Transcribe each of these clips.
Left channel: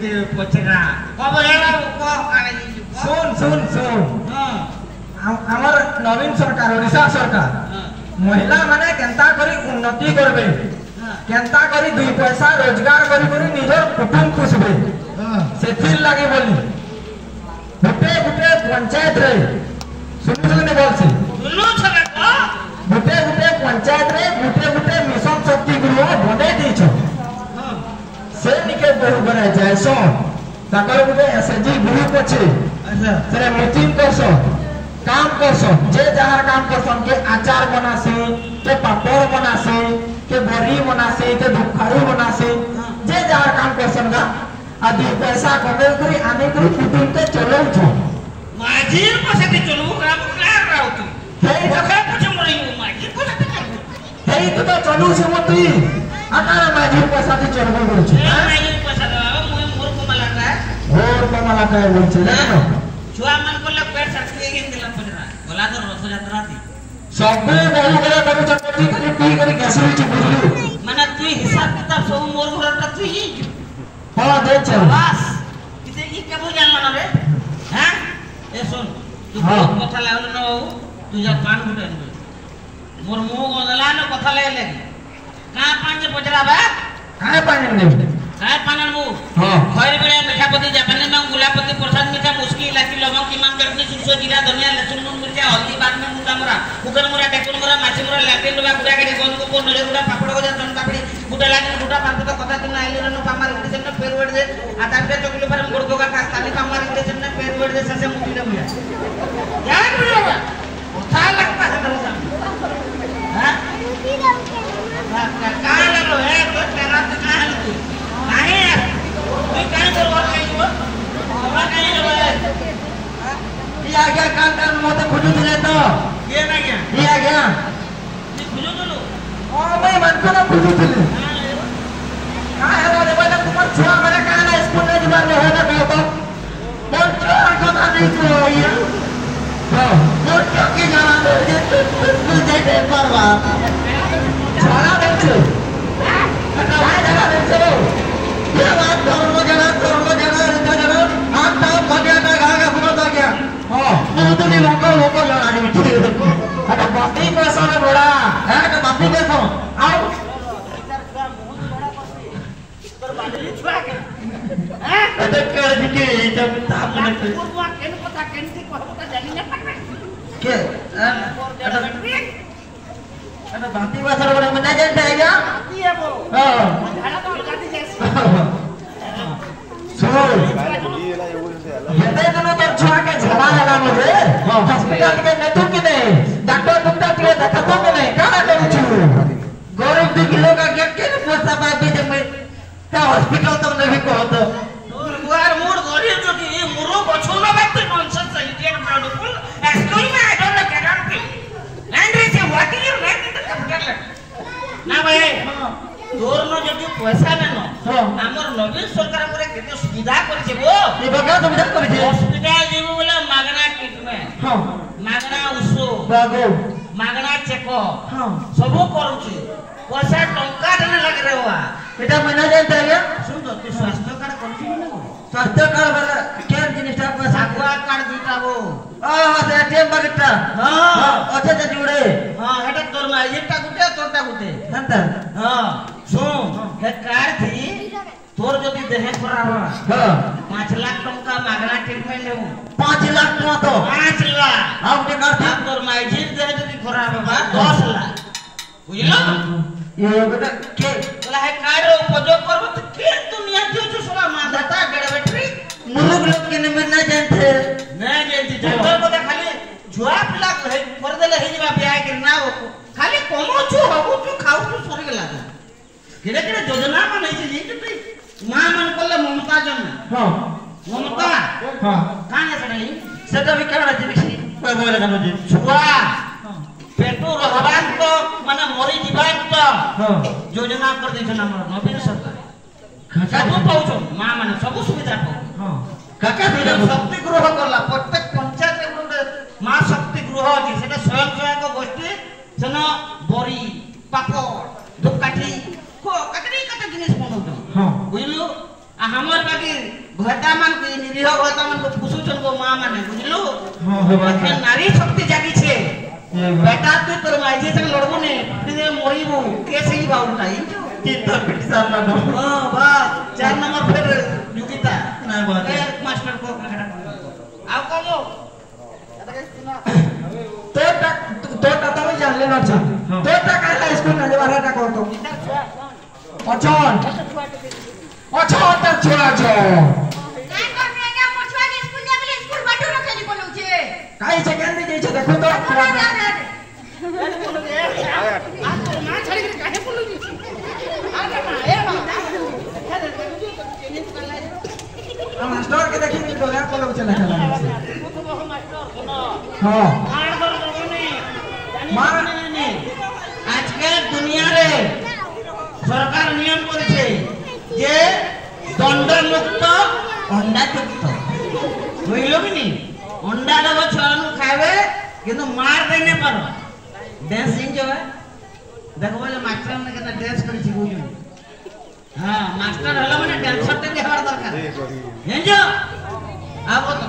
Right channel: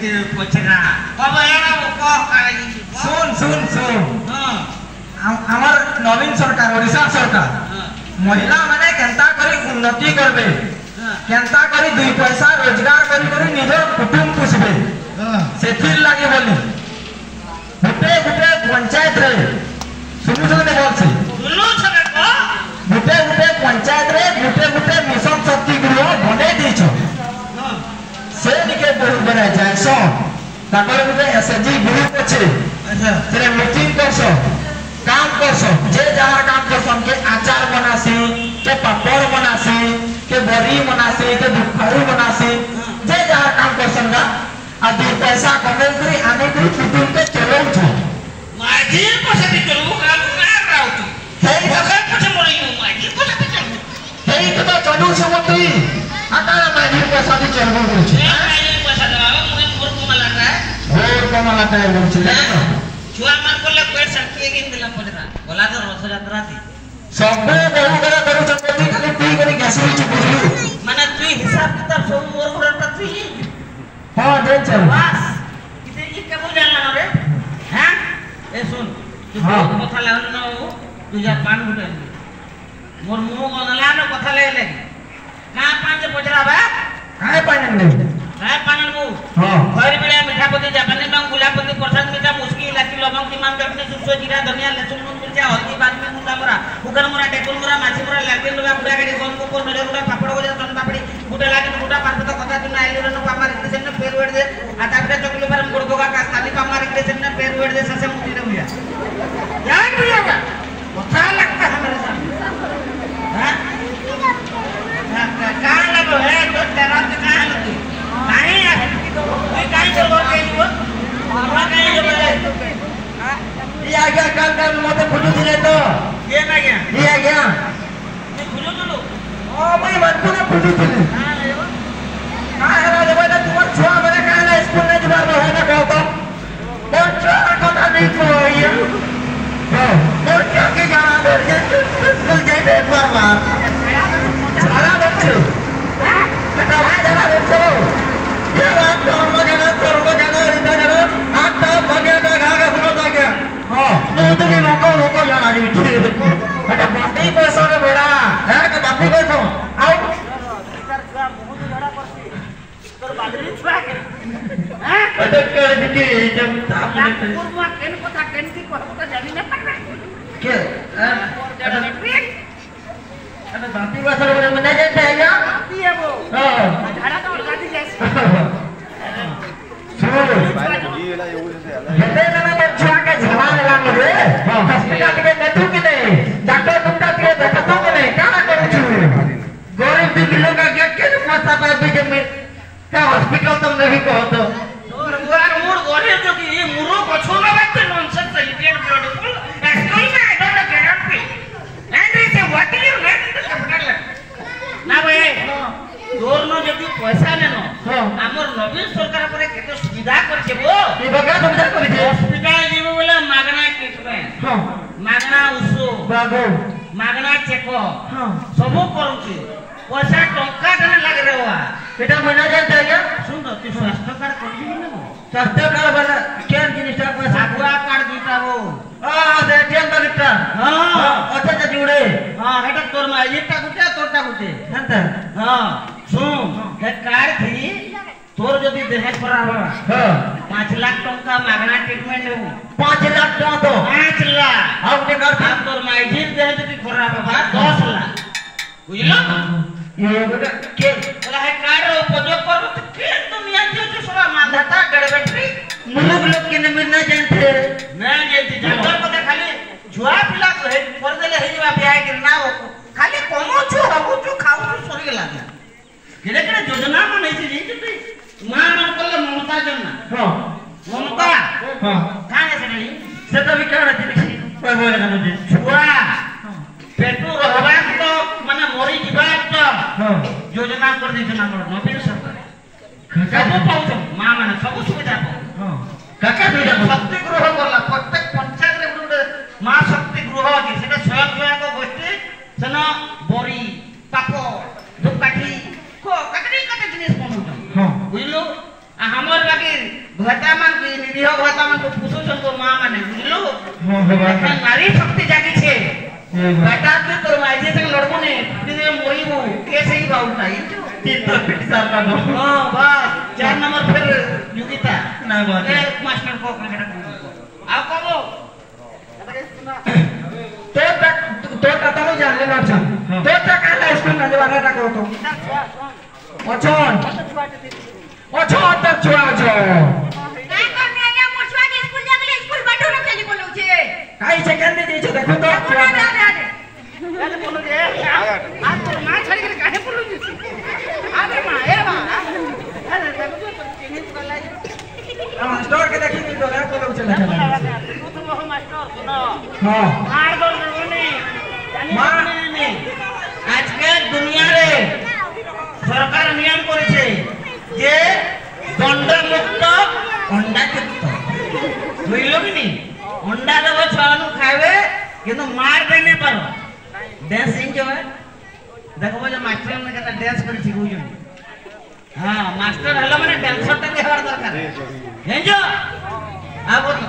के पचरा कब एरा को काई सुन हमर नवीन सरकार ओडिशा सरकार महिला माने केंता करी उन्नति करबे केंता करी दुई पैसा रोजगार करी निजर कुटुंब पोषबे सेथिर लागि बोली गुटे पंचायत रे सुनु बोल से गुटे पंचायत रे गुटे मिशन शक्ति गृह बने दी से निके बहु बनाय जाय सो ताकर गुटे एसएचजी ग्रुप अछि अच्छा तेरे मीटिंग करसो काम करसो जे जहां काम करसो के आचार बनासी के पापड़ बनासी के बरी बनासी के दुखारू बनासी जे जहां काम करसो ना आ दो पैसा कमाई करी आने करी कुटुंब के चलो छ माजीर पैसा दे चलो काम कर राउती हे भगा पछे मरई माजीर पैसा दे चलो हे तो चलू छ मत आता माजीर पैसा दे चलो छ माजीर पैसा देबा मुरे मोर कमालाटा बोल छ ना छुआ मान कोले पेट सटके गिन दिला पड़रा बोला तो रथ यात्रा थी सब बहु करे करू चक्की खाली पी करी घासी छी बुझलू माने तू हिसाब किताब सब मोर घरटा तू ही हां दे चल बस इसे की केबो जान मानो रे हां ए सुन तू बहुत कथा लागल न तू जा पान गुटे मोर मुंह गनला न कथा लागले का पान के पचरा बा काय पान ने काय पान मु हां खैर बेला मिठापति जापानी में गुलाबपति प्रसाद मीठा मुस्की इलाची लवंग कीमान चटनी सुरसो जीरा धनिया लहसुन नून मिर्चा हल्दी बाद में मुका मुरा कुकर मुरा टेकुन मुरा माछी मुरा लालटेन डबा गुड़ा गड़ी गोन को नड़े गुड़ा पापड़ गजा चन पापड़ी गुड़ा लागी गुड़ा पात तो कथा तुना आइलो न पामार इंग्लिश ने पेर वर्ड दे आटा पे चकले पर गुड़ गोगा का ताली पामार इंग्लिश ने पेर वर्ड दे ससे मुटी दे मिया जान बुझला बा कथा लगता है मेरे जान हां का लगो है तो तेरा कहां लगी नहीं यार तू काहे करवा के लियो हमरा नहीं जब ये आ गया कान मते फुटू दिले तो ये ना गया ये आ गया ये फुटू तो ओ मैं मन को ना फुटू दिले हां ये हां हेरा दे बेटा तुम छुआ मेरे काहे स्कूल में जबार रहे ना कहतो कौन छुआ कथा नहीं को ये और क्या के जाना दे स्कूल जाए एक बार छाड़ा बच्चे हां कथा भाई जगह रुक चलो ये बात करो जगह इधर जगह आप तो बढ़िया का गागा सुना गया हां तो भी लोकल लड़ा दी थी अरे बाती पैसा ने बड़ा है तो बाती पैसा आओ इधर का मुंह लड़ा पड़ती तोर बादरी छुआ के हैं अरे के दिखे जब आपने पूर्वा केन कथा केन की कहबो त जानी न पड़े के अरे बाती पैसा रे बड़े मने जान जाएगा बाती है वो हां झाड़ा तो लगा दी जैसे सुनो ये ला ये से अलग हेते ने के छुआ के झोला लगा रे हॉस्पिटल के नेतु के नहीं डॉक्टर कुत्ता के देखतो के नहीं का करू छु गरीब दिलो का गेट के पैसा पाबे जे में का हॉस्पिटल तो नहीं कहतो तोर मुआर मूड गरीब जो की मुरो गछो ना बात नॉनसेंस सेलिब्रेट ब्यूटीफुल एक्चुअली में I don't know can and is what is your name in the capital ना भाई तोर न जदी पैसा लेनो हमर नवीन सरकार पर केते सुविधा करछे बो ई बगा सुविधा करछे हॉस्पिटल जीव बोले मागना ट्रीटमेंट हां मागना उस बाबू मागना चेकअप हां सब करूछे पैसा टंका देना लागे रे बा बेटा मना जानता है सुन तो तू स्वास्थ्य कार्ड करछी कि ना स्वास्थ्य कार्ड वाला केन जिनिसटा पैसा पूरा कार्ड दीता वो हां दे केन बगटा हां अच्छा तो जुड़े हां हेटा तोर में एटा गुटे तोरटा गुटे हंता हां सुन हे कार्ड थी तोर जदी देह खराब हां 5 लाख टंका मागना ट्रीटमेंट लेबो 5 लाख टका तो 5 लाख अब के कर तोर माइजीर देह जदी खराब बा 10 लाख बुझलो ये बेटा के चला है कार्ड उपयोग करबो तो के दुनिया के जो सब मानता गड़बड़ी मुलुक लोग के नंबर ना जानते मैं जानती डॉक्टर को खाली जुआ पिला कर देले हे जवा ब्याह के ना हो खाली कमो छु हबु छु खाउ छु सरी गेला केड़े केड़े योजना में नहीं थी कि मां मन कोले ममता जन्ना हां ममता हां काने से नहीं से तो विकरण थी कोई बोले कनो दी जुआ पेटू रहबान तो माने मरी जीवान तो योजना कर दै छन हमर नवीन सरकार सब पाउछ मां माने सब सुविधा पाउ हां काका दिले शक्ति गृह करला प्रत्येक पंचायत रे मां शक्ति गृह अछि सेटा स्वयं सहायक गोष्ठी सेना बरी पापड़ धूपकाठी को कतरी कते जिनिस बनउ हां बुझलो आ हमर ঘটা মান কি নিরীহ ঘটা মান পুষুছন গো মা মানে বুঝলু হ্যাঁ বাবা এখন নারী শক্তি জাগিছে বেটা তুই তোর মাইজে সঙ্গে লড়বু নে তুই যে মরিবু কে সেই বাউটা ইনছো তিন তোর পেটি সার না বল हां बात 4 नंबर फिर योगिता না বাবা ए मास्टर को आओ कहो তোরটা তুমি জানলে না আচ্ছা তোরটা কালা স্কুল না বারাটা কত আচ্ছা তা ছুয়া ছ কাই করনে আগে মোর ছুয়া কে স্কুল নিয়ে গেলে স্কুল বাটু না চলি বলুছে কাই সেকেন্ড দিয়েছে দেখো তো তাহলে বলো যে আজ তোর মা ছাড়ি করে কাহে বলুছি আরে মা এ মা আরে দেখো তো চিনি পকালাই মাস্টার কে দেখি কি বলা কলো চলে প্রথম মাস্টার শোনো হ্যাঁ मार दो रवनी জানি মানে নে আজকে দুনিয়া রে সরকার নিয়ম করেছে যে দণ্ডমুক্ত অন্ডাযুক্ত বুঝলো কি নি অন্ডা দেবো ছড়ানো খাইবে কিন্তু মার দেনে পারো ড্যান্স শিখবে দেখো যে মাস্টার না কেন ড্যান্স করে শিখুছেন হ্যাঁ মাস্টার হলো মানে ড্যান্সারটা কি হওয়ার দরকার জানছো আবো তো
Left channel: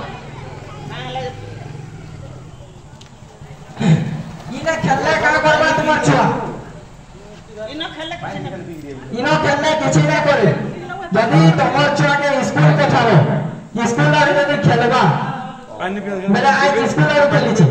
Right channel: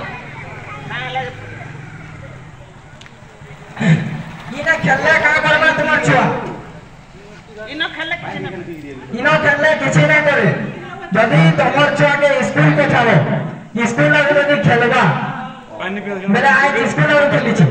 ইনা খেললে কা করবে তোমার ছুয়া ইনো খেলে কিছু না ইনো খেললে কিছু না করে যদি তোমার ছুয়াকে স্কুল পাঠাবো স্কুল আর যদি খেলবা মানে আজ স্কুল আর খেলেছি